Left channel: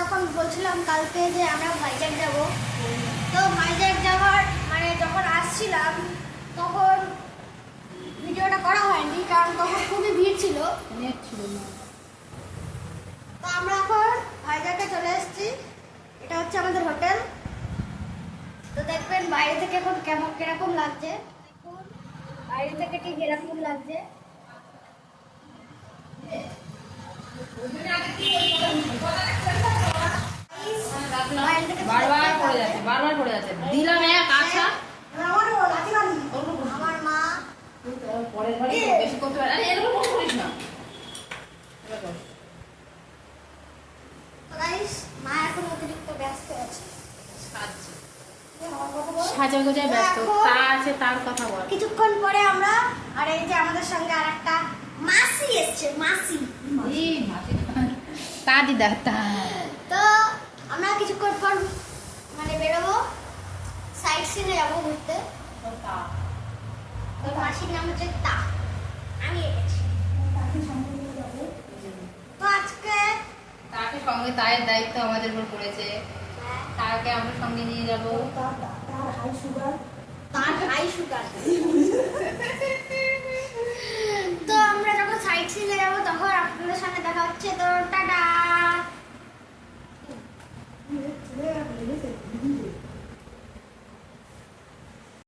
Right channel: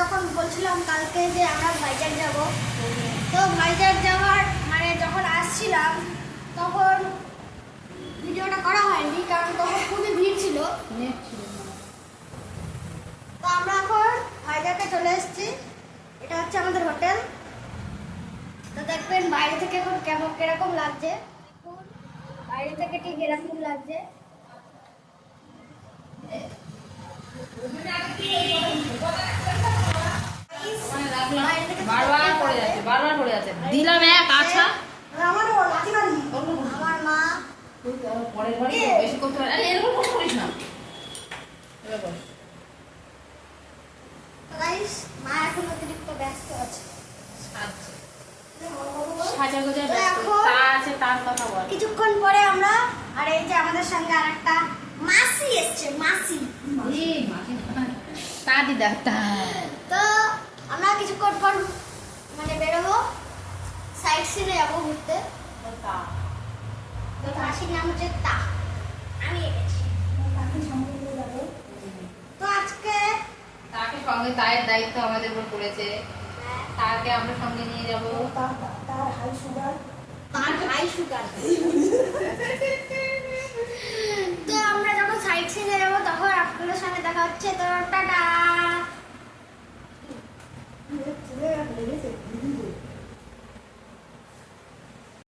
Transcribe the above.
যখন বলছিলাম কালকে যে আমরা ভাইজ্যাগ যাব, তো ভাইজ্যাগ যাওয়ার মানে যখন আসছিলাম তখন ভিডিওটা করা হয়নি, কারণ তখন খুবই ভিড় ছিল। তো আমরা এখন ভাইজ্যাগে চলে এসেছি। এটা হচ্ছে আমাদের হোটেল। তো দেখবেন বাইরে থেকে এখন কেমন কিরকম লাগছে। দেখুন বাইরে থেকে ঠিক এরকম লাগছে। বারবার পড়ে যাচ্ছে দিলাম এক আছড়া। আমার মা পরে পরে বেশি করতে পারে। আরে এরকম করিস না। তো গাইস, মা এখন অতিরিক্ত ব্যস্ত আছে। সাজা গোজায় ব্যস্ত। তা আছে তার কথা বল। কিছুক্ষণ পরে আমরা, আর এই যে আমাদের সঙ্গে আরেকটা মাসি এসছে, মাসি। এই মাসি তা দিদা তা। তো আমরা কিছুক্ষণ পর মানে বেরোবো, সাইড সিনে যাবো ঘুরতে। তো মাসির নাম হচ্ছে তা, আমি এসেছি। তো আজকে তাকে সঙ্গে তার দায়িত্ব আমাদের উপর পড়েছে। তাকে আমরা সঙ্গে নিয়ে যাব। তার হাই সুগার। তো আমরা যখন সাইড সিনে যাবো তখন আপনাদের সঙ্গে দেখা হচ্ছে। তো টাটা।